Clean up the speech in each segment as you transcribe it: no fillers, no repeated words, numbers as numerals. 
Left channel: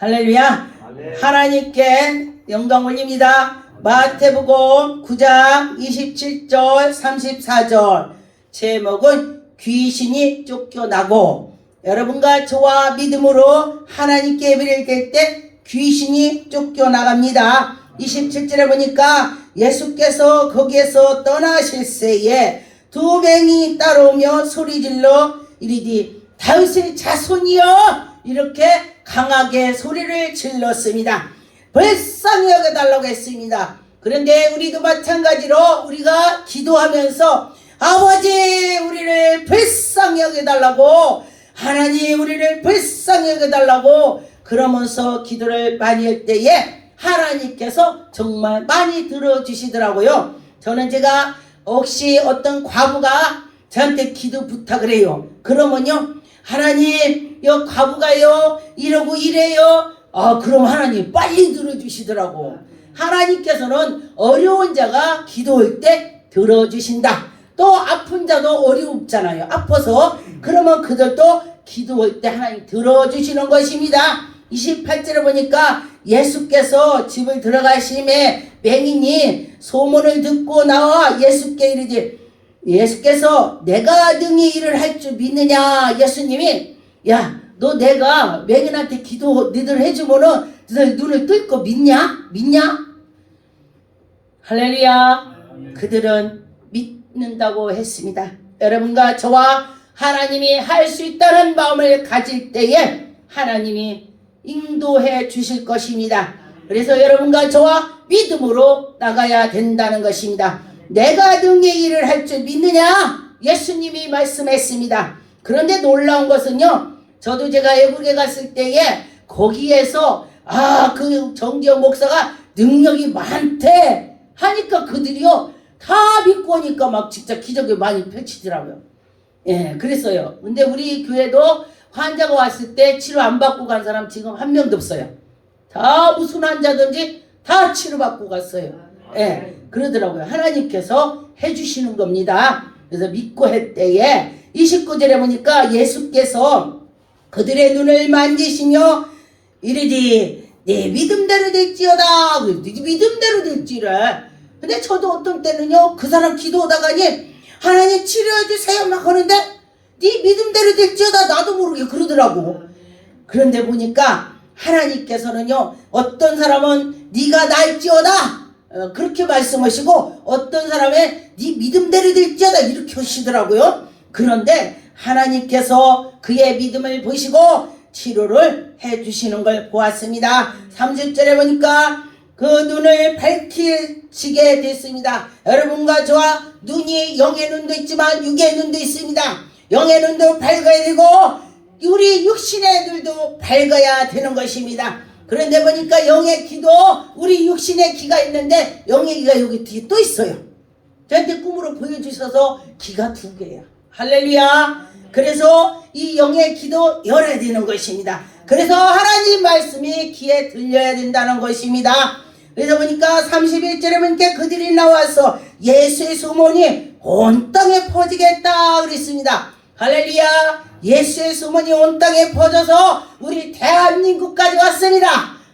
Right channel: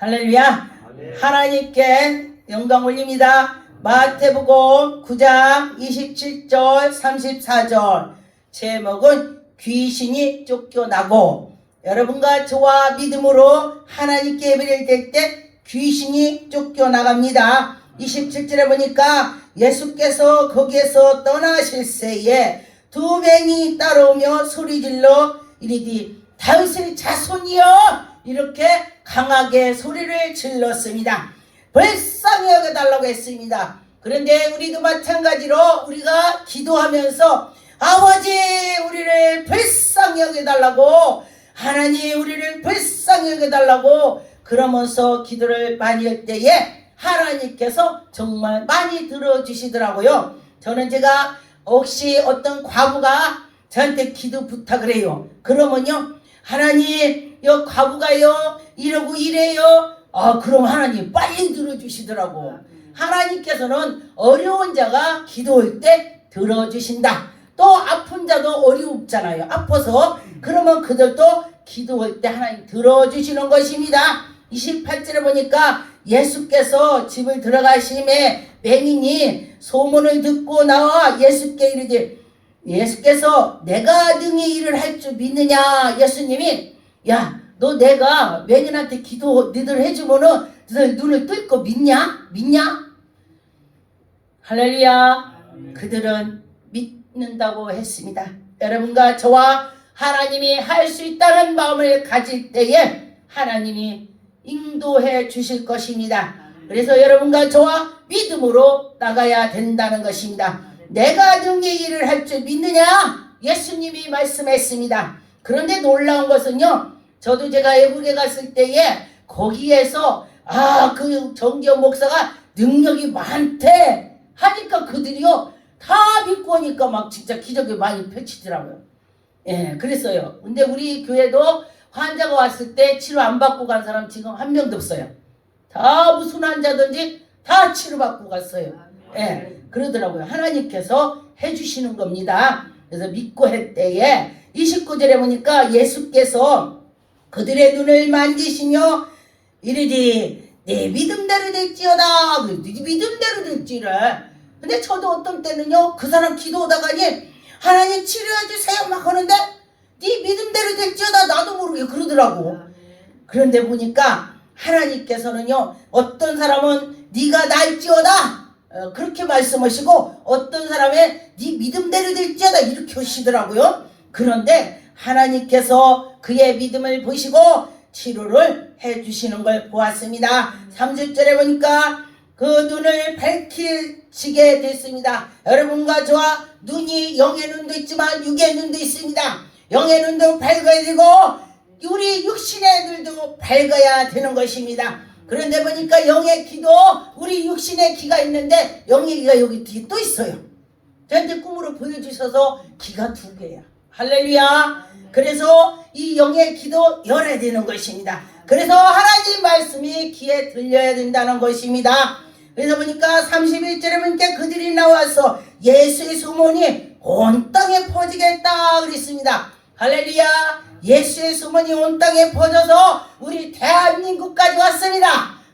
할렐루야. 아멘. 하나님께 영광 올립니다. 마태복음 9장 27절 34절 제목은 귀신이 쫓겨나고, 여러분과 저와 믿음으로 하나님께 예배를 드릴 때 귀신이 쫓겨나갑니다. 27절에 보니까 예수께서 거기에서 떠나실 새에 두 맹이 따라오며 소리질러 이르되 다윗의 자손이여, 이렇게 강하게 소리를 질렀습니다. 불쌍히 여겨달라고 했습니다. 그런데 우리도 마찬가지로 우리가 기도하면서 아버지 우리를 불쌍히 여겨달라고, 하나님 우리를 불쌍히 여겨달라고 그러면서 기도를 많이 할 때에 하나님께서 정말 많이 들어주시더라고요. 저는 제가 혹시 어떤 과부가 저한테 기도 부탁을 해요. 그러면요, 하나님 여 과부가요 이러고 이래요. 그럼 하나님 빨리 들어주시더라고. 하나님께서는 어려운 자가 기도할 때 들어주신다. 또 아픈 자도 어렵잖아요. 아파서 그러면 그들도 기도할 때 하나님 들어주시는 것입니다. 28절에 보니까 예수께서 집을 들어가심에 맹인이 소문을 듣고 나와 예수께 이르되, 예수께서 내가 능히 일을 할 줄 믿느냐. 예수님이 야, 너 내가 맹인한테 기도 너희들 해주면은 너희들 눈을 뜰 거 믿냐? 할렐루야. 그들은 믿는다고 했습니다. 여러분과 저와 하나님이 할 수 있다는 마음을 가질 때에 하나님이 인도해 주실 것입니다. 그래서 여러분과 저와 믿음으로 나가야 된다는 것입니다. 내가 능히 일을 할 줄 믿느냐? 예수님이 말씀했습니다. 그런데 놀라운 것은요, 저도 제가 외국에 갔을 때에 거기에서 그 정기영 목사가 능력이 많대 하니까 그들이요 다 믿고 하니까 막 진짜 기적이 많이 펼치더라고요. 예, 그랬어요. 근데 우리 교회도 환자가 왔을 때 치료 안 받고 간 사람 지금 한 명도 없어요. 다 무슨 환자든지 다 치료받고 갔어요. 예, 그러더라고요. 하나님께서 해주시는 겁니다. 그래서 믿고 할 때에 29절에 보니까 예수께서 그들의 눈을 만지시며 이르되 내 믿음대로 될지어다. 네 믿음대로 될지래. 근데 저도 어떤 때는요 그 사람 기도하다가니 하나님 치료해 주세요 막 하는데 네 믿음대로 될지어다 나도 모르게 그러더라고. 그런데 보니까 하나님께서는요 어떤 사람은 네가 날지어다 그렇게 말씀하시고, 어떤 사람의 네 믿음대로 될지어다 이렇게 하시더라고요. 그런데 하나님께서 그의 믿음을 보시고 치료를 해주시는 걸 보았습니다. 30절에 보니까 그 눈을 밝히시게 됐습니다. 여러분과 저와 눈이 영의 눈도 있지만 육의 눈도 있습니다. 영의 눈도 밝아야 되고 우리 육신의 눈도 밝아야 되는 것입니다. 그런데 보니까 영의 귀도 우리 육신의 귀가 있는데 영의 귀가 여기 뒤에 또 있어요. 저한테 꿈으로 보여주셔서 귀가 두 개예요. 할렐루야. 그래서 이 영의 귀도 열어야 되는 것입니다. 그래서 하나님 말씀이 귀에 들려야 된다는 것입니다. 그래서 보니까 31절에 보니까 그들이 나와서 예수의 소문이 온 땅에 퍼지겠다 그랬습니다. 할렐루야. 예수의 소문이 온 땅에 퍼져서 우리 대한민국까지 왔습니다.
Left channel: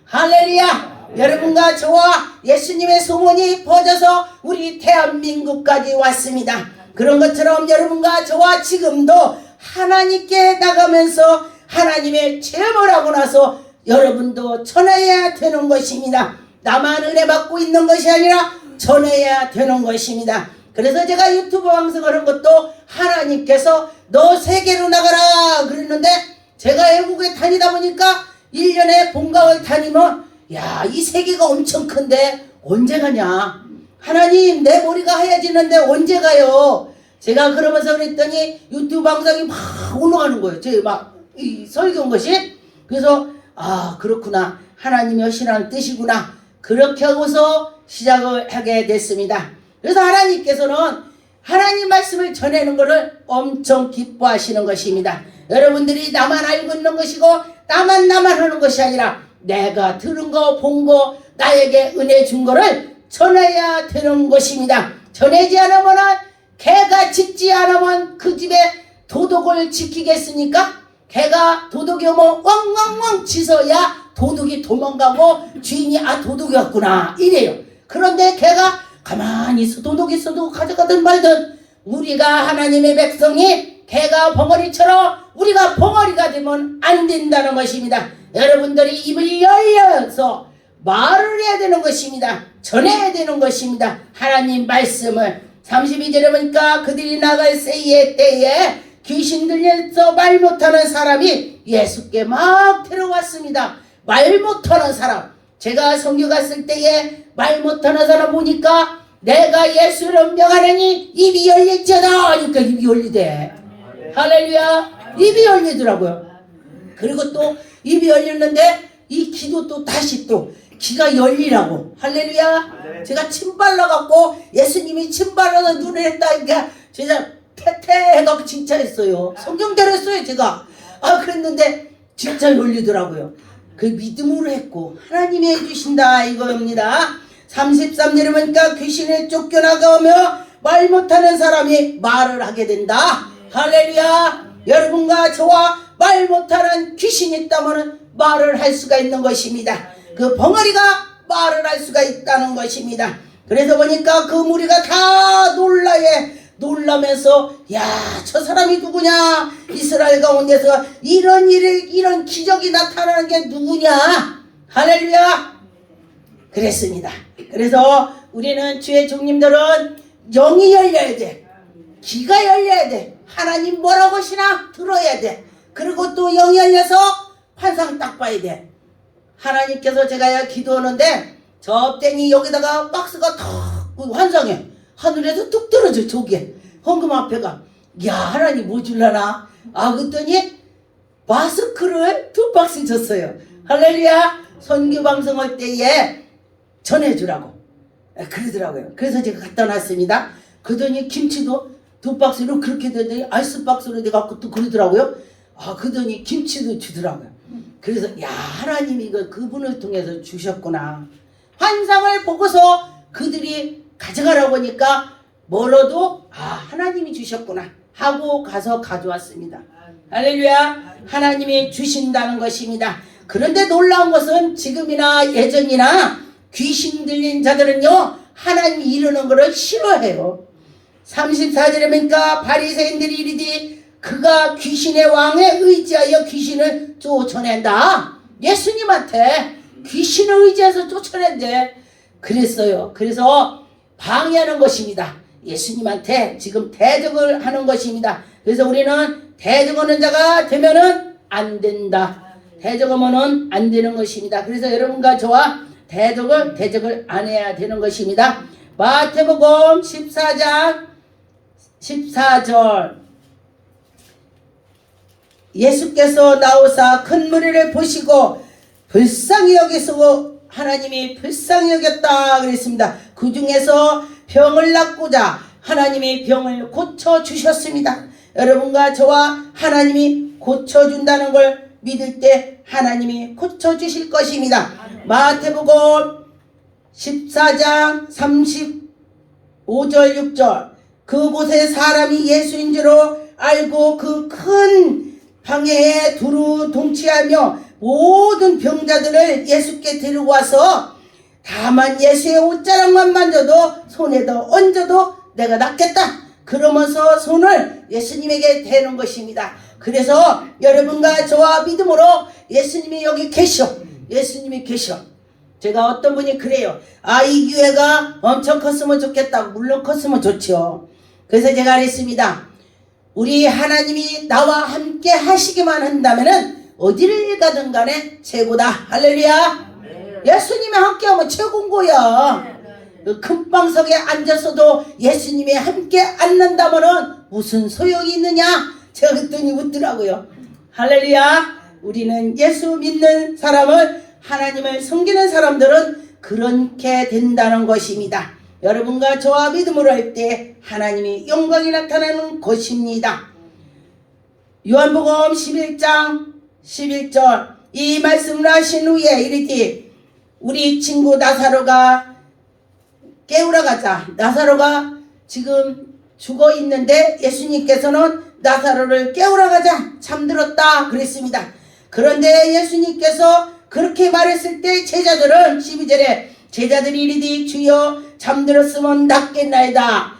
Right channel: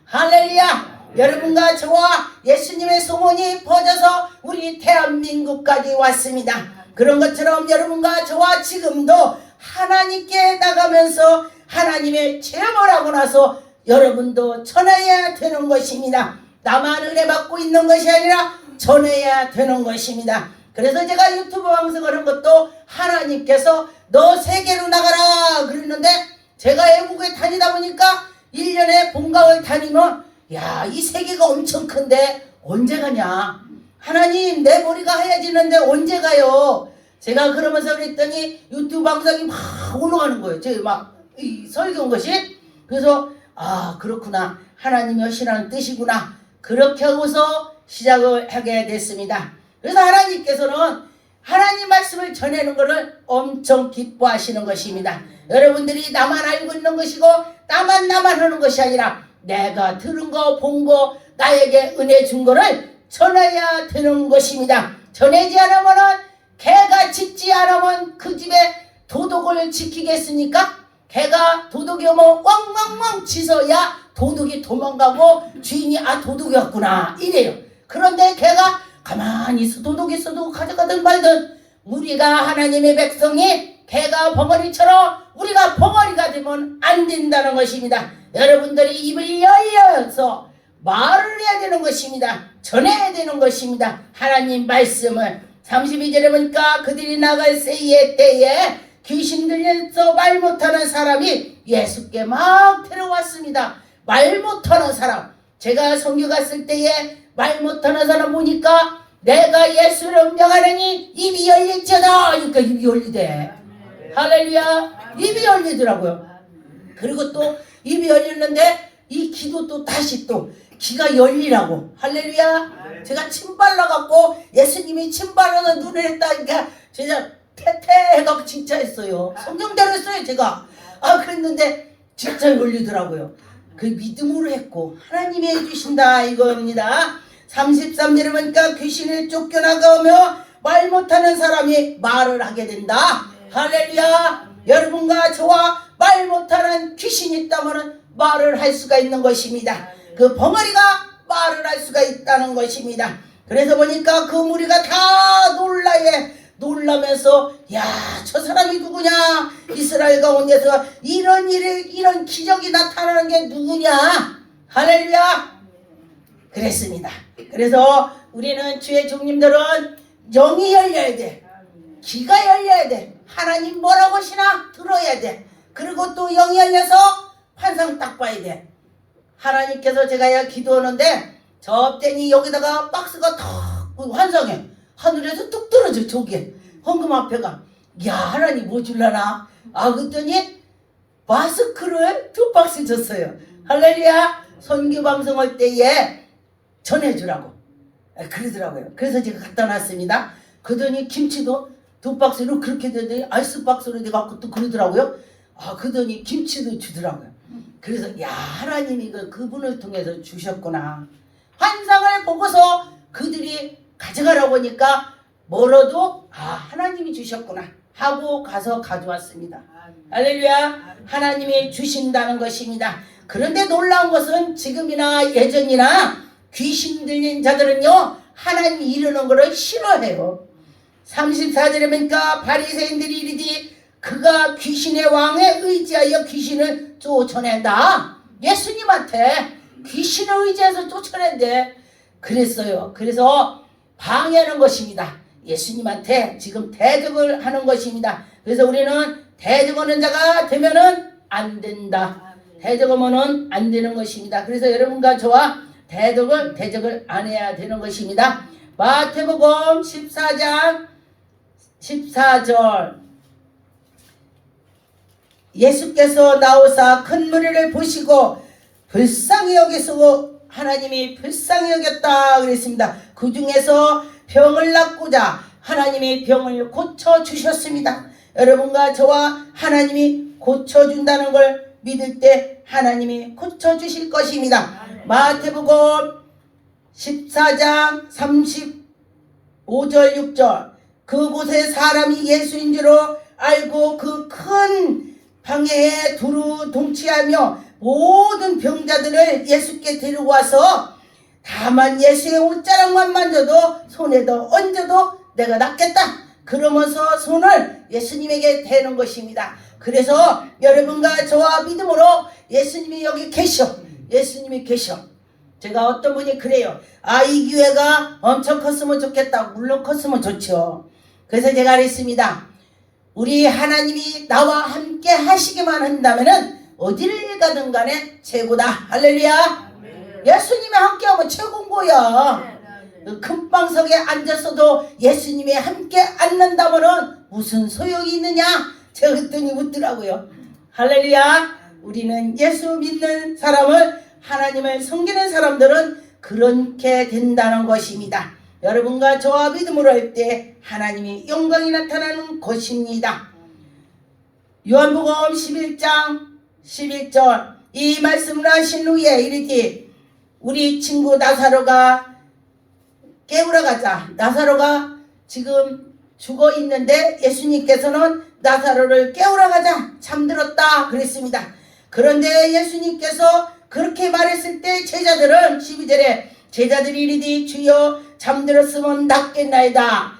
할렐루야. 여러분과 저와 예수님의 소문이 퍼져서 우리 대한민국까지 왔습니다. 그런 것처럼 여러분과 저와 지금도 하나님께 나가면서 하나님의 체험을 하고 나서 여러분도 전해야 되는 것입니다. 나만 은혜 받고 있는 것이 아니라 전해야 되는 것입니다. 그래서 제가 유튜브 방송을 한 것도 하나님께서 너 세계로 나가라 그랬는데, 제가 외국에 다니다 보니까 1년에 본각을 다니면 이 세계가 엄청 큰데 언제 가냐, 하나님 내 머리가 하얘지는데 언제 가요. 제가 그러면서 그랬더니 유튜브 방송이 막 올라가는 거예요. 제 막 이 설교한 것이. 그래서 그렇구나, 하나님이 하시라는 뜻이구나, 그렇게 하고서 시작을 하게 됐습니다. 그래서 하나님께서는 하나님 말씀을 전하는 것을 엄청 기뻐하시는 것입니다. 여러분들이 나만 알고 있는 것이고 나만 하는 것이 아니라 내가 들은 거 본 거 나에게 은혜 준 거를 전해야 되는 것입니다. 전하지 않으면 개가 짖지 않으면 그 집에 도덕을 지키겠습니까? 개가 도둑이 오면 汪汪汪 짖어야 도둑이 도망가고 주인이 도둑이었구나 이래요. 그런데 걔가 가만히 있어 도둑이 있어도 가져가든 말든 우리가 하나님의 백성이 개가 벙어리처럼 우리가 벙어리가 되면 안 된다는 것입니다. 여러분들이 입을 열려서 말을 해야 되는 것입니다. 전해야 되는 것입니다. 하나님 말씀을 32절에 보니까 그들이 나갈 새의 때에 귀신 들려서 말 못하는 사람이 예수께 막 데려왔습니다. 말 못하는 사람, 제가 선교 갔을 때에 말 못하는 사람 보니까 내가 예수를 명하느니 입이 열릴지어다 하니까 입이 열리대. 할렐루야. 입이 열리더라고요. 그리고 또 입이 열렸는데 이 기도 또 다시 또 귀가 열리라고. 할렐루야. 제가 침 발라갖고 예수님이 침 발라서 눈을 했다니까 진짜 태태해갖고 진짜 했어요. 성경대로 했어요 제가. 그랬는데 진짜 열리더라고요. 그 믿음으로 했고 하나님이 해주신다 이거입니다. 33절에 보니까 귀신을 쫓겨나가며 말 못하는 사람이 말을 하게 된다. 할렐루야. 여러분과 저와 말 못하는 귀신이 있다면 말을 할 수가 있는 것입니다. 그 벙어리가 말을 할 수가 있다는 것입니다. 그래서 보니까 그 무리가 다 놀라면서 야, 저 사람이 누구냐? 이스라엘 가운데서 이런 기적이 나타나는 게 누구냐? 할렐루야. 그랬습니다. 그래서 우리는 주의 종님들은 영이 열려야 돼. 귀가 열려야 돼. 하나님 뭐라고 하시나 들어야 돼. 그리고 또 영이 열려서 환상 딱 봐야 돼. 하나님께서 제가 기도하는데 저 땡이 여기다가 박스가 탁 환상해. 하늘에서 뚝 떨어져 저기에 헌금 앞에가. 야, 하나님 뭐 줄라나? 그랬더니 마스크를 2박스 줬어요. 할렐루야. 선교 방송할 때에 전해주라고 그러더라고요. 그래서 제가 갖다 놨습니다. 그러더니 김치도 2박스로 그렇게 되더니 아이스박스로 돼갖고 또 그러더라고요. 그러더니 김치도 주더라고요. 그래서 야, 하나님이 이거 그분을 통해서 주셨구나. 환상을 보고서 그들이 가져가라고 하니까 멀어도 하나님이 주셨구나 하고 가서 가져왔습니다. 할렐루야. 하나님이 주신다는 것입니다. 그런데 놀라운 것은 지금이나 예전이나 귀신 들린 자들은요 하나님이 이루는 것을 싫어해요. 34절에 보니까 바리새인들이 이르지 그가 귀신의 왕에 의지하여 귀신을 쫓아낸다. 예수님한테 귀신을 의지해서 쫓아낸대. 그랬어요. 그래서 방해하는 것입니다. 예수님한테 지금 대적을 하는 것입니다. 그래서 우리는 대적하는 자가 되면은 안 된다. 대적하면은 안 되는 것입니다. 그래서 여러분과 저와 대적을 안 해야 되는 것입니다. 마태복음 14장 14절 예수께서 나오사 큰 무리를 보시고 불쌍히 여기시고 하나님이 불쌍히 여겼다 그랬습니다. 그 중에서 병을 낫고자 하나님이 병을 고쳐주셨습니다. 여러분과 저와 하나님이 고쳐준다는 걸 믿을 때 하나님이 고쳐주실 것입니다. 마태복음 14장 35절 6절 그곳에 사람이 예수인 줄로 알고 그 큰 방해에 두루 동치하며 모든 병자들을 예수께 데리고 와서 다만 예수의 옷자락만 만져도 손에도 얹어도 내가 낫겠다 그러면서 손을 예수님에게 대는 것입니다. 그래서 여러분과 저와 믿음으로 예수님이 여기 계셔. 예수님이 계셔. 제가 어떤 분이 그래요. 이 교회가 엄청 컸으면 좋겠다. 물론 컸으면 좋죠. 그래서 제가 그랬습니다. 우리 하나님이 나와 함께 하시기만 한다면은 어디를 가든 간에 최고다. 할렐루야. 예수님이 함께하면 최고인 거야. 그 큰 방석에 앉았어도 예수님이 함께 앉는다면은 무슨 소용이 있느냐? 제가 그랬더니 묻더라고요. 할렐루야. 우리는 예수 믿는 사람을 하나님을 섬기는 사람들은 그렇게 된다는 것입니다. 여러분과 저와 믿음으로 할 때 하나님이 영광이 나타나는 것입니다. 요한복음 11장 11절 이 말씀을 하신 후에 이르되 우리 친구 나사로가 깨우러 가자. 나사로가 지금 죽어 있는데 예수님께서는 나사로를 깨우러 가자. 잠들었다 그랬습니다. 그런데 예수님께서 그렇게 말했을 때 제자들은 12절에 제자들이 이르되 주여 잠들었으면 낫겠나이다.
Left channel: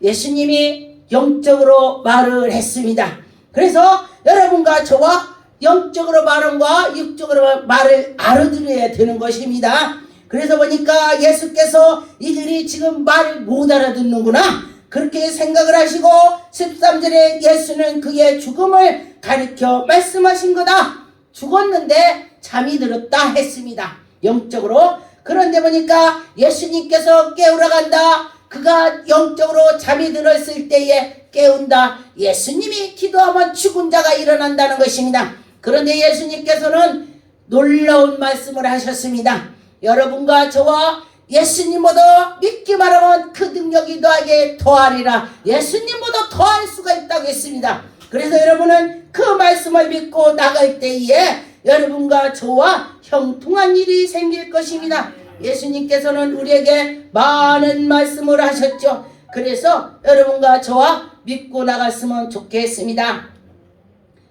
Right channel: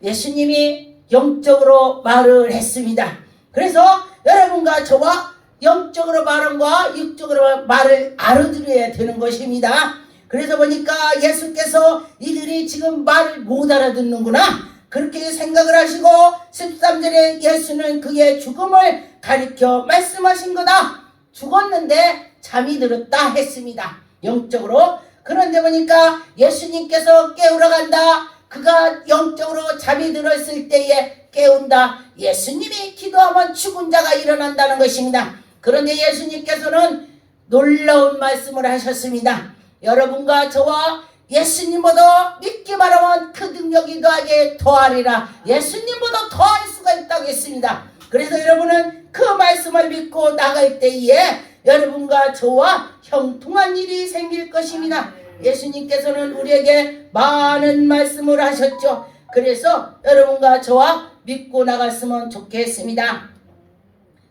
예수님이 영적으로 말을 했습니다. 그래서 여러분과 저와 영적으로 말과 육적으로 말을 알아들어야 되는 것입니다. 그래서 보니까 예수께서 이들이 지금 말을 못 알아듣는구나 그렇게 생각을 하시고 13절에 예수는 그의 죽음을 가리켜 말씀하신 거다. 죽었는데 잠이 들었다 했습니다. 영적으로. 그런데 보니까 예수님께서 깨우러 간다. 그가 영적으로 잠이 들었을 때에 깨운다. 예수님이 기도하면 죽은 자가 일어난다는 것입니다. 그런데 예수님께서는 놀라운 말씀을 하셨습니다. 여러분과 저와 예수님보다 믿기만 하면 그 능력이 너에게 더하리라. 예수님보다 더할 수가 있다고 했습니다. 그래서 여러분은 그 말씀을 믿고 나갈 때에 여러분과 저와 형통한 일이 생길 것입니다. 예수님께서는 우리에게 많은 말씀을 하셨죠. 그래서 여러분과 저와 믿고 나갔으면 좋겠습니다.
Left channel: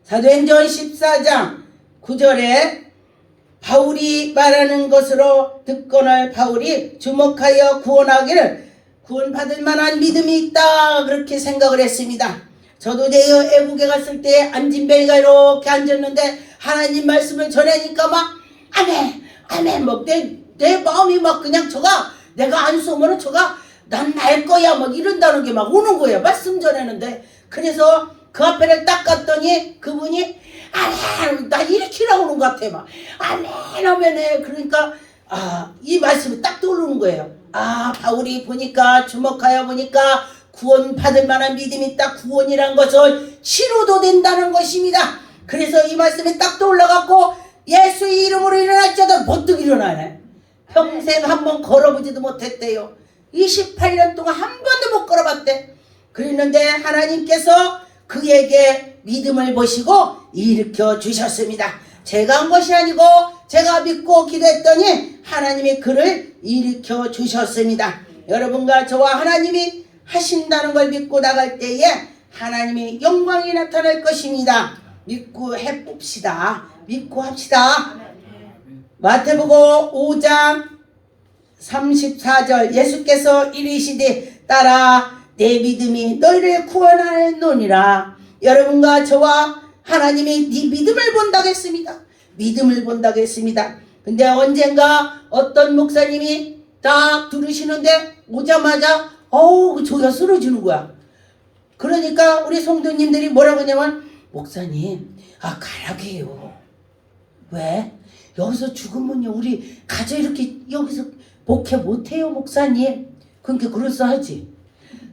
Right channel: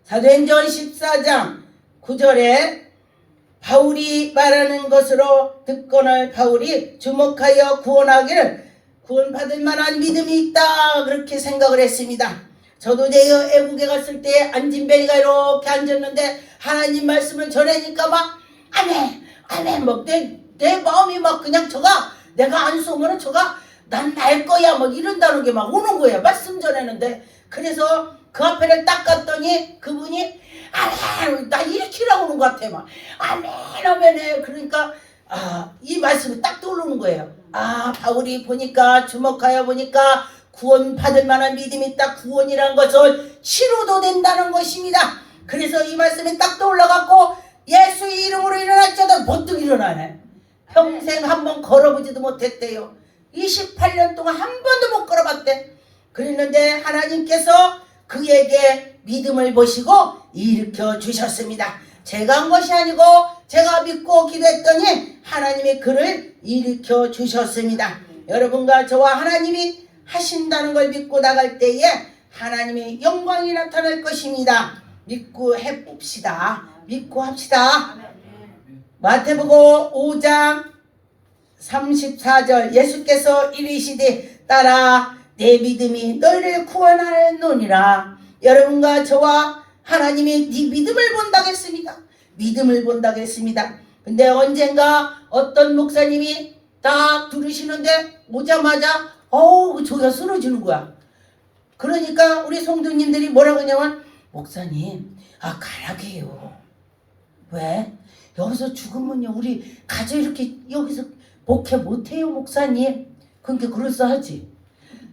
사도행전 14장 9절에 바울이 말하는 것으로 듣거늘 바울이 주목하여 구원하기를 구원받을 만한 믿음이 있다 그렇게 생각을 했습니다. 저도 내 애국에 갔을 때 안진뱅이가 이렇게 앉았는데 하나님 말씀을 전하니까 막 아멘 아멘 뭐 내 마음이 막 그냥 저가 내가 안 쏘면은 저가 난 날 거야 막 이런다는 게 막 오는 거예요. 말씀 전하는데. 그래서 그 앞에를 딱 갔더니 그분이 아멘 나 이렇게 나오는 것 같아 막 아멘 아멘에 그러니까 이 말씀이 딱 떠오르는 거예요. 바울이 보니까 주목하여 보니까 구원 받을 만한 믿음이 있다. 구원이란 것은 치료도 된다는 것입니다. 그래서 이 말씀이 딱 떠올라갖고 예수의 이름으로 일어날지어도 번뜩 일어나네. 평생 한번 걸어보지도 못했대요. 28년 동안 한 번도 못 걸어봤대. 그랬는데 하나님께서 그에게 믿음을 보시고 일으켜 주셨습니다. 제가 한 것이 아니고 제가 믿고 기도했더니 하나님이 그를 일으켜 주셨습니다. 여러분과 저와 하나님이 하신다는 걸 믿고 나갈 때에 하나님의 영광이 나타날 것입니다. 믿고 해봅시다. 믿고 합시다. 마태복음 5장 34절 예수께서 이르시되 따라 내 믿음이 너희를 구원하였노니라. 여러분과 저와 하나님이 네 믿음을 본다고 했습니다. 믿음을 본다고 했습니다. 근데 언젠가 어떤 목사님이 딱 들으시는데 오자마자 조가 쓰러지는 거야. 그러니까 우리 성도님들이 뭐라고 하냐면 목사님 가라게요. 왜? 여기서 죽으면요 우리 가져 이렇게 여기서 목회 못해요 목사님. 그러니까 그럴싸하지.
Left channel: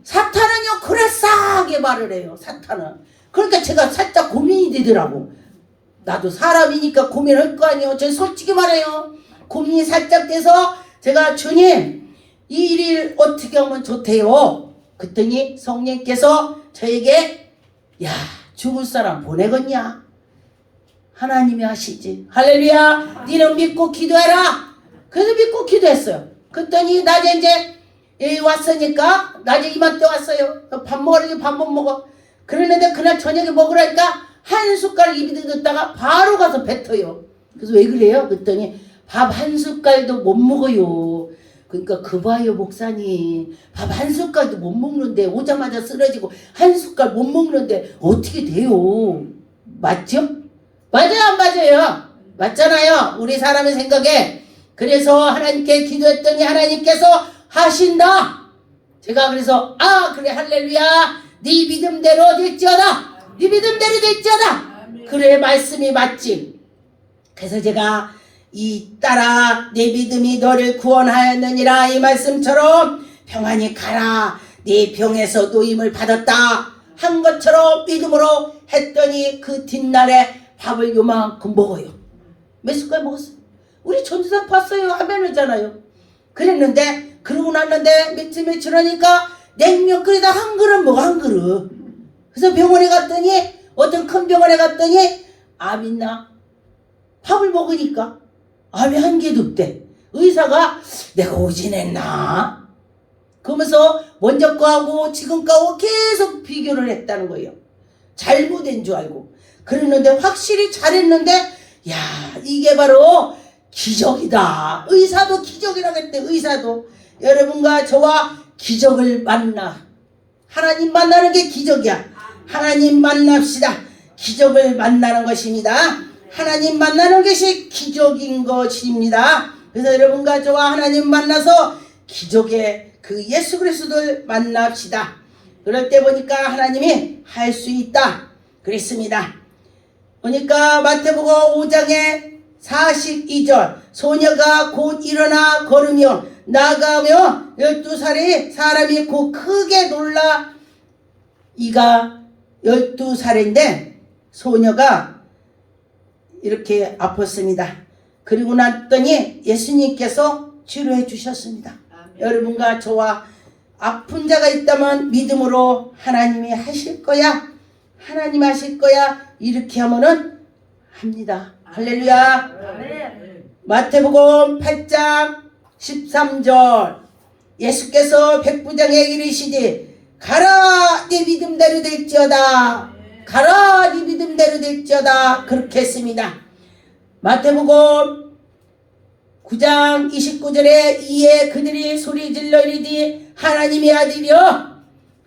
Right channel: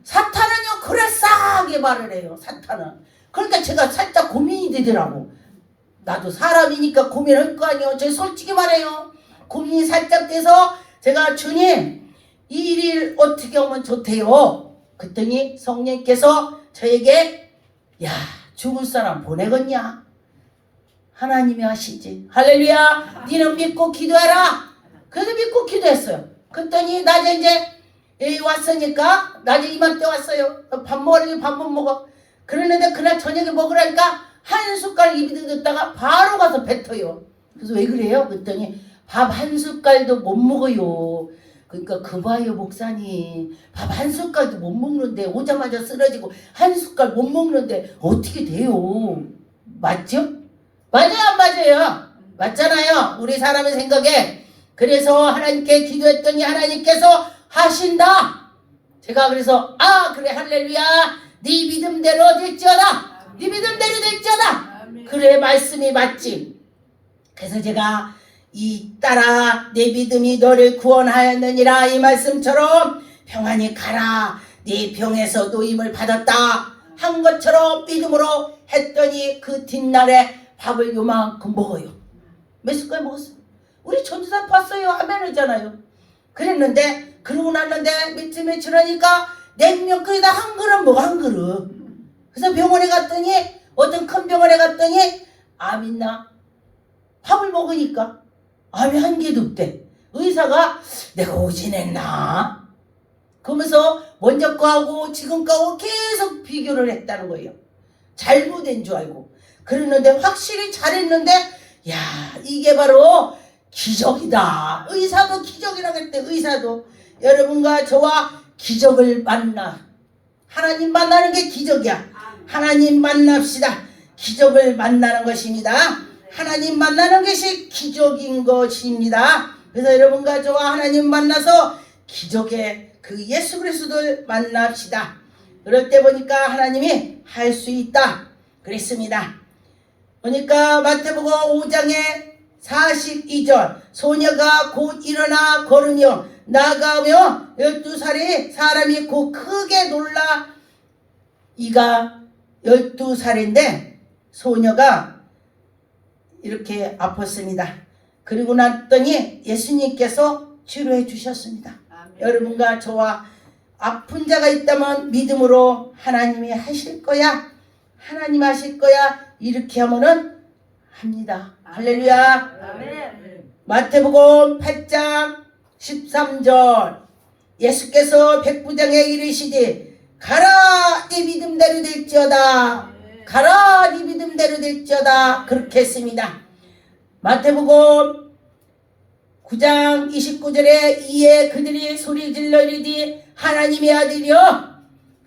사탄은요 그럴싸하게 말을 해요. 사탄은. 그러니까 제가 살짝 고민이 되더라고. 나도 사람이니까 고민할 거 아니에요. 저 솔직히 말해요. 고민이 살짝 돼서 제가 주님 이 일 어떻게 하면 좋대요. 그랬더니 성령께서 저에게 죽을 사람 보내겠냐. 하나님이 하시지. 할렐루야. 니는 믿고 기도해라. 그래서 믿고 기도했어요. 그랬더니 낮에 이제 왔으니까 낮에 이맘때 왔어요. 밥 먹으라니 밥 못 먹어. 그러는데 그날 저녁에 먹으라니까 한 숟갈 입에 넣었다가 바로 가서 뱉어요. 그래서 왜 그래요? 그랬더니 밥 한 숟갈도 못 먹어요. 그러니까 그 봐요 목사님. 밥 한 숟갈도 못 먹는데 오자마자 쓰러지고 한 숟갈 못 먹는데 어떻게 돼요? 맞죠? 맞아요 안 맞아요? 맞잖아요. 우리 사람의 생각에. 그래서 하나님께 기도했더니 하나님께서 하신다. 제가 그래서 그래 할렐루야 네 믿음대로 될지어다. 네 믿음대로 될지어다. 그래 말씀이 맞지. 그래서 제가 이 따라 내 믿음이 너를 구원하였느니라 이 말씀처럼 평안히 가라 네 병에서 노임을 받았다 한 것처럼 믿음으로 했더니 그 뒷날에 밥을 요만큼 먹어요. 몇 숟갈 먹었어요? 우리 전도사 봤어요. 아멘 하잖아요. 그랬는데 그러고 났는데 며칠 하니까 냉면 끓이다 한 그릇 먹어 한 그릇. 그래서 병원에 갔더니 어떤 큰 병원에 갔더니 암 있나? 밥을 먹으니까 암이 한 개도 없대. 의사가 내가 오진했나? 그러면서 먼저 거하고 지금 거하고 계속 비교를 했다는 거예요. 잘못된 줄 알고. 그랬는데 확실히 잘했는데 이게 바로 기적이다. 의사도 기적이라고 했대. 의사도. 여러분과 저와 기적을 만나. 하나님 만나는 게 기적이야. 하나님 만납시다. 기적을 만나는 것입니다. 하나님 만나는 것이 기적인 것입니다. 그래서 여러분과 저와 하나님 만나서 기적의 그 예수 그리스도를 만납시다. 그럴 때 보니까 하나님이 할 수 있다 그랬습니다. 보니까 마태복음 5장에 42절 소녀가 곧 일어나 걸으며 나가며 12살의 사람이 곧 크게 놀라. 이가 12살인데 소녀가 이렇게 아팠습니다. 그리고 났더니 예수님께서 치료해 주셨습니다. 아멘. 여러분과 저와 아픈 자가 있다면 믿음으로 하나님이 하실 거야, 하나님 하실 거야, 이렇게 하면은 합니다. 아멘. 할렐루야. 아멘. 마태복음 8장 13절 예수께서 백부장에 이르시되 가라 네 믿음대로 될지어다. 가라 네 믿음대로 될지어다. 그렇게 했습니다. 마태복음 9장 29절에 이에 그들이 소리질러 이르되 하나님의 아들이여.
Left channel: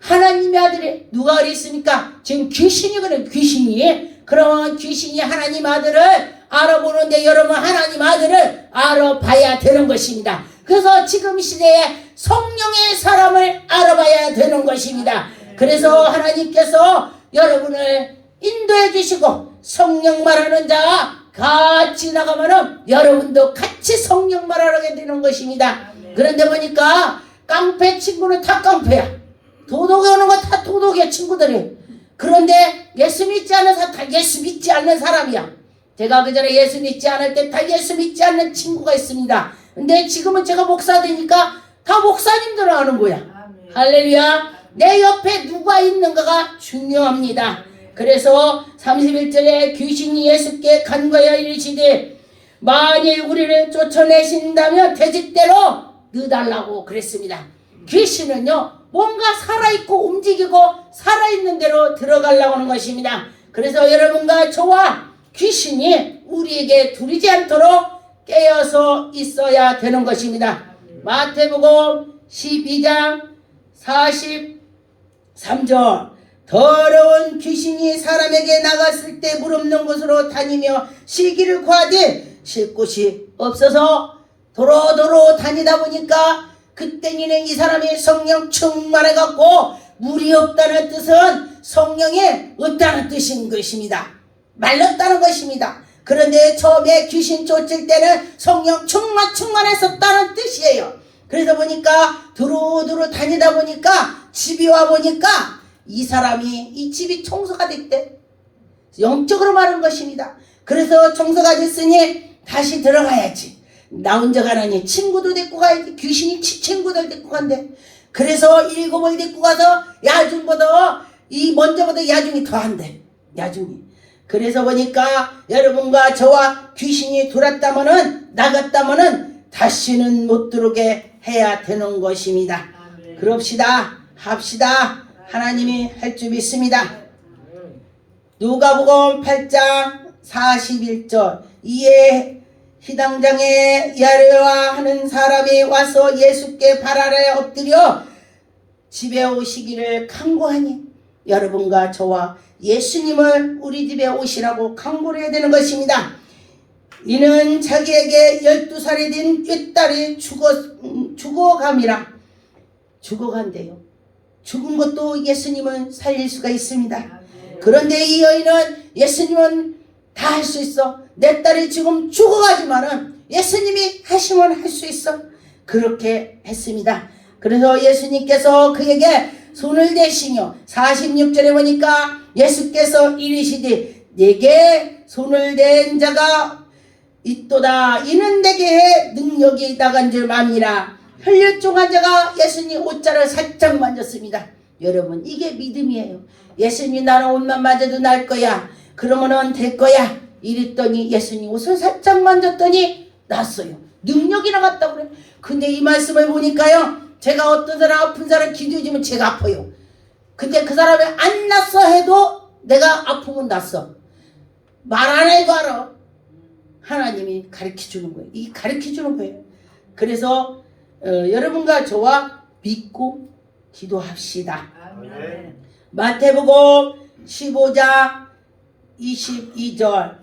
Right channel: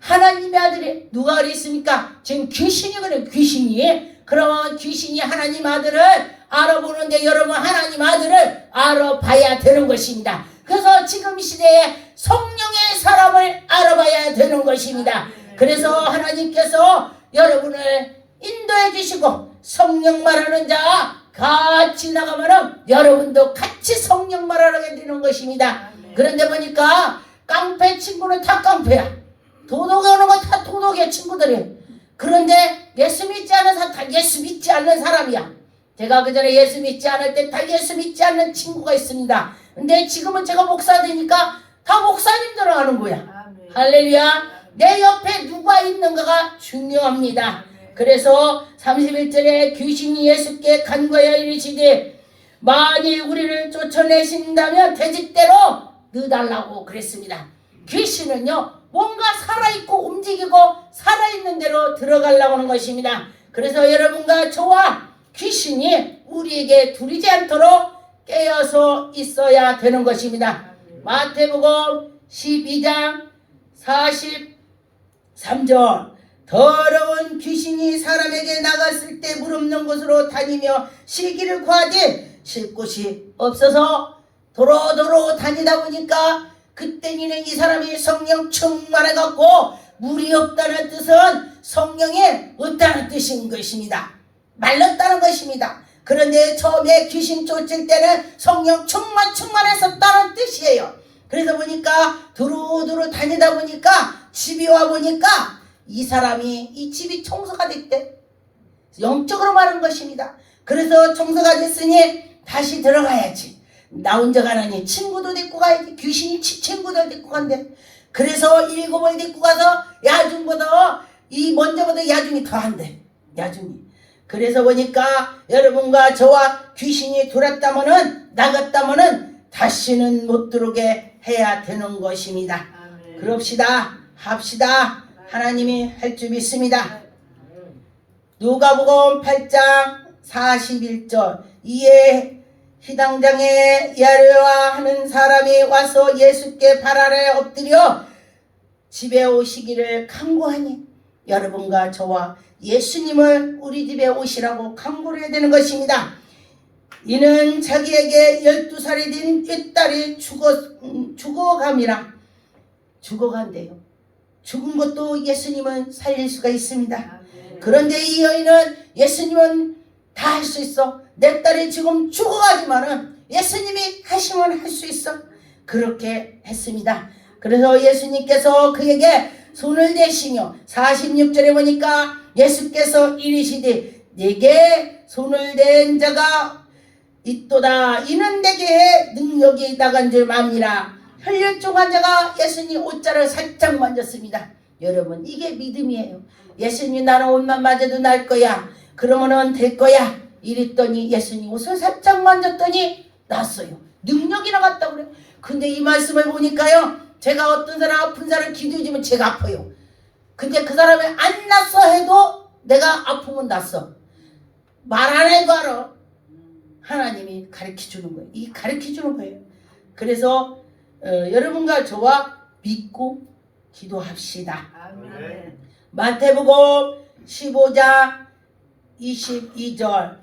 하나님의 아들이 누가 그랬습니까? 지금 귀신이거든. 귀신이. 그런 귀신이 하나님 아들을 알아보는데 여러분 하나님 아들을 알아봐야 되는 것입니다. 그래서 지금 시대에 성령의 사람을 알아봐야 되는 것입니다. 그래서 하나님께서 여러분을 인도해 주시고 성령 말하는 자와 같이 나가면은 여러분도 같이 성령 말하게 되는 것입니다. 그런데 보니까 깡패 친구는 다 깡패야. 도둑이 오는 거 다 도둑이야 친구들이. 그런데 예수 믿지 않는 사람 다 예수 믿지 않는 사람이야. 제가 그전에 예수 믿지 않을 때 다 예수 믿지 않는 친구가 있습니다. 근데 지금은 제가 목사 되니까 다 목사님들 하는 거야. 아멘. 할렐루야. 내 옆에 누가 있는가가 중요합니다. 그래서 31절에 귀신이 예수께 간과하여 이르시되 만일 우리를 쫓아내신다면 돼지대로 넣어달라고 그랬습니다. 귀신은요 뭔가 살아있고 움직이고 살아있는 대로 들어가려고 하는 것입니다. 그래서 여러분과 저와 귀신이 우리에게 두리지 않도록 깨어서 있어야 되는 것입니다. 마태복음 12장 43절 더러운 귀신이 사람에게 나갔을 때 물 없는 곳으로 다니며 쉬기를 구하되 쉴 곳이 없어서 도로도로 다니다 보니까 그때는 이 사람이 성령 충만해갖고 물이 없다는 뜻은 성령이 없다는 뜻인 것입니다. 말랐다는 것입니다. 그런데 처음에 귀신 쫓을 때는 성령 충만했었다는 뜻이에요. 그래서 보니까 두루두루 다니다 보니까 집에 와 보니까 이 사람이 이 집이 청소가 됐대. 영적으로 말하는 것입니다. 그래서 청소가 됐으니 다시 들어가야지. 나 혼자 가라니 친구도 데리고 가야지. 귀신이 친구들 데리고 간대. 그래서 7을 데리고 가서 야중보다 이 먼저보다 야중이 더한대. 야중이. 그래서 보니까 여러분과 저와 귀신이 들어왔다면은 나갔다면은 다시는 못 들어오게 해야 되는 것입니다. 아멘. 그럽시다. 합시다. 하나님이 할 줄 믿습니다. 누가복음 8장 41절 이에 희당장에 야르와 하는 사람이 와서 예수께 발 아래 엎드려 집에 오시기를 간구하니 여러분과 저와 예수님을 우리 집에 오시라고 강구를 해야 되는 것입니다. 이는 자기에게 12살이 된 윗딸이 죽어감이라. 죽어간대요. 죽은 것도 예수님은 살릴 수가 있습니다. 그런데 이 여인은 예수님은 다 할 수 있어. 내 딸이 지금 죽어가지만은 예수님이 하시면 할 수 있어. 그렇게 했습니다. 그래서 예수님께서 그에게 손을 대시며 46절에 보니까 예수께서 이르시되 내게 손을 댄 자가 있도다. 이는 내게 능력이 나간 줄 압니다. 혈류증한 자가 예수님 옷자를 살짝 만졌습니다. 여러분 이게 믿음이에요. 예수님 나는 옷만 맞아도 날 거야. 그러면은 될 거야. 이랬더니 예수님 옷을 살짝 만졌더니 났어요. 능력이 나갔다고 그래요. 근데 이 말씀을 보니까요. 제가 어떤 사람 아픈 사람 기도해주면 제가 아파요. 근데 그 사람이 안 났어 해도 내가 아프면 났어. 말 안 해도 알아. 하나님이 가르쳐 주는 거예요. 이 가르쳐 주는 거예요. 그래서 여러분과 저와 믿고 기도합시다. 아멘. 마태복음 15장 22절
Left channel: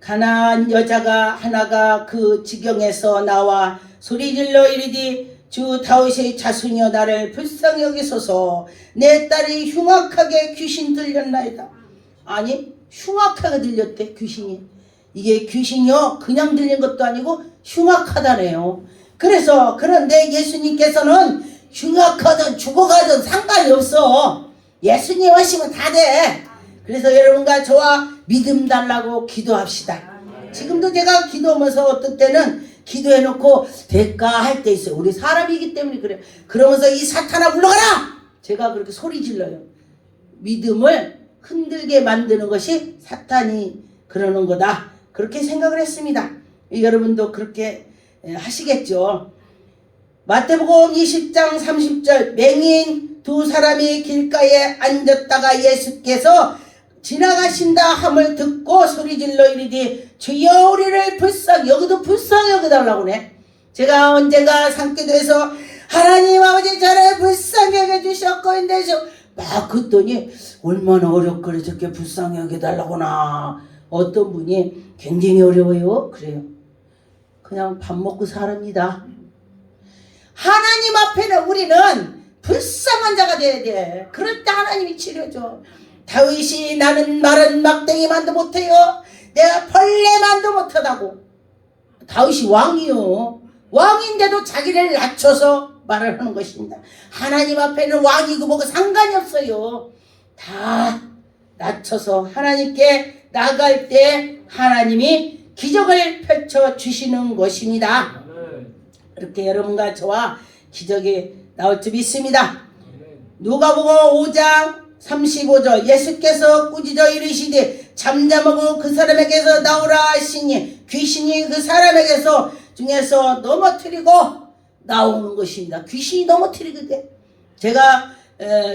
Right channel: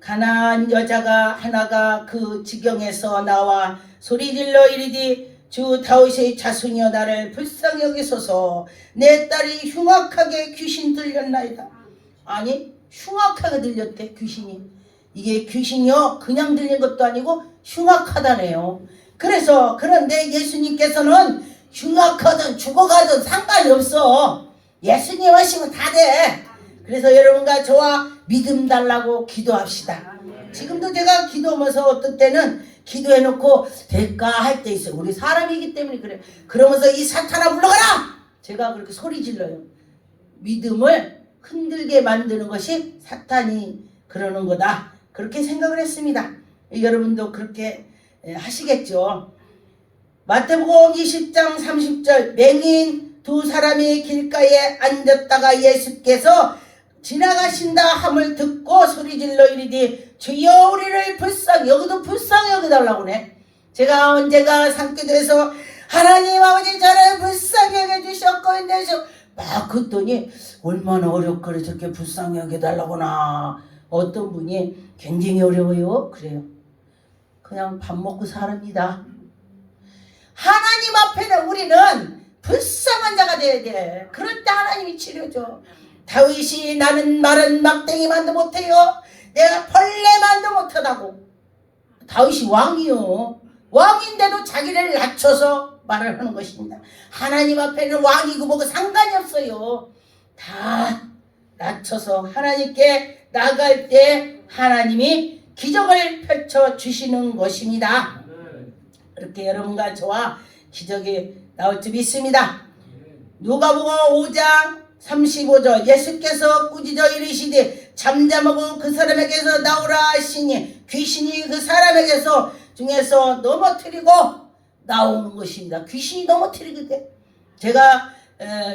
가난한 여자가 하나가 그 지경에서 나와 소리질러 이르되 주 다윗의 자손이여 나를 불쌍히 여기소서 내 딸이 흉악하게 귀신 들렸나이다. 아니 흉악하게 들렸대 귀신이. 이게 귀신이요 그냥 들린 것도 아니고 흉악하다네요. 그래서 그런데 예수님께서는 흉악하든 죽어가든 상관이 없어. 예수님 하시면 다 돼. 그래서 여러분과 저와 믿음 달라고 기도합시다. 지금도 제가 기도하면서 어떤 때는 기도해놓고 될까 할 때 있어요. 우리 사람이기 때문에 그래. 그러면서 이 사탄아 물러가라! 제가 그렇게 소리 질러요. 믿음을 흔들게 만드는 것이 사탄이 그러는 거다. 그렇게 생각을 했습니다. 여러분도 그렇게 하시겠죠. 마태복음 20장 30절 맹인 두 사람이 길가에 앉았다가 예수께서 지나가신다 함을 듣고 소리질러 이르되 주여 우리를 불쌍히 여기도 불쌍히 여겨달라고 그래. 제가 언제가 산기도에서 하나님 아버지 저를 불쌍히 여겨주셨고 인데서 막 그랬더니 얼마나 어렵고 저렇게 불쌍히 여겨달라구나. 어떤 분이 굉장히 어려워요. 그래요. 그냥 밥 먹고 살합니다. 하나님 앞에는 우리는 불쌍한 자가 돼야 돼. 그럴 때 하나님이 치료줘. 다윗이 나는 마른 막대기만도 못해요. 내가 벌레만도 못하다고. 다윗이 왕이요. 왕인데도 자기를 낮춰서 말을 하는 것입니다. 하나님 앞에는 왕이고 뭐고 상관이 없어요. 다 낮춰서 하나님께 나갈 때 하나님이 기적을 펼쳐주시는 것입니다. 그렇게 여러분과 저와 기적이 나올 줄 믿습니다. 누가복음 5장 35절 예수께서 꾸짖어 이르시되 잠잠하고 그 사람에게서 나오라 하시니 귀신이 그 사람에게서 중에서 넘어뜨리고 나오는 것입니다. 귀신이 넘어뜨리게. 제가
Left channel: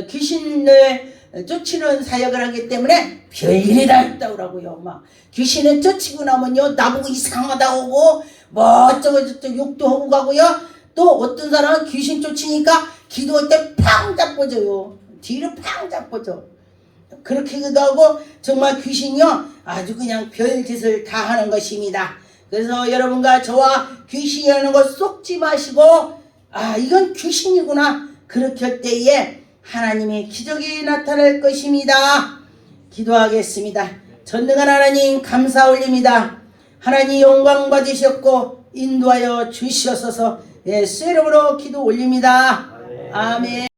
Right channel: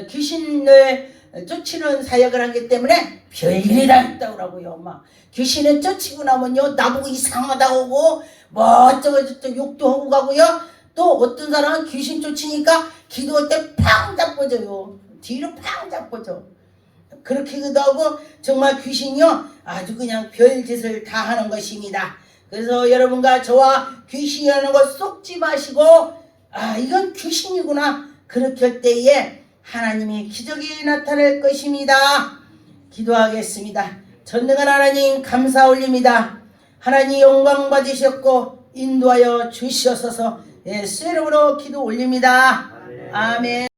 귀신을 쫓치는 사역을 하기 때문에 별일이 다 있다고요. 막 귀신을 쫓치고 나면요 나보고 이상하다고 하고 뭐 어쩌고저쩌고 욕도 하고 가고요. 또 어떤 사람은 귀신 쫓치니까 기도할 때 팡 잡아줘요. 뒤로 팡 잡아줘. 그렇게도 하고 정말 귀신이요 아주 그냥 별짓을 다 하는 것입니다. 그래서 여러분과 저와 귀신이 하는 것 속지 마시고 아 이건 귀신이구나 그렇게 할 때에 하나님의 기적이 나타날 것입니다. 기도하겠습니다. 전능한 하나님 감사 올립니다. 하나님 영광 받으셨고 인도하여 주시옵소서. 예수 이름으로 기도 올립니다. 아멘.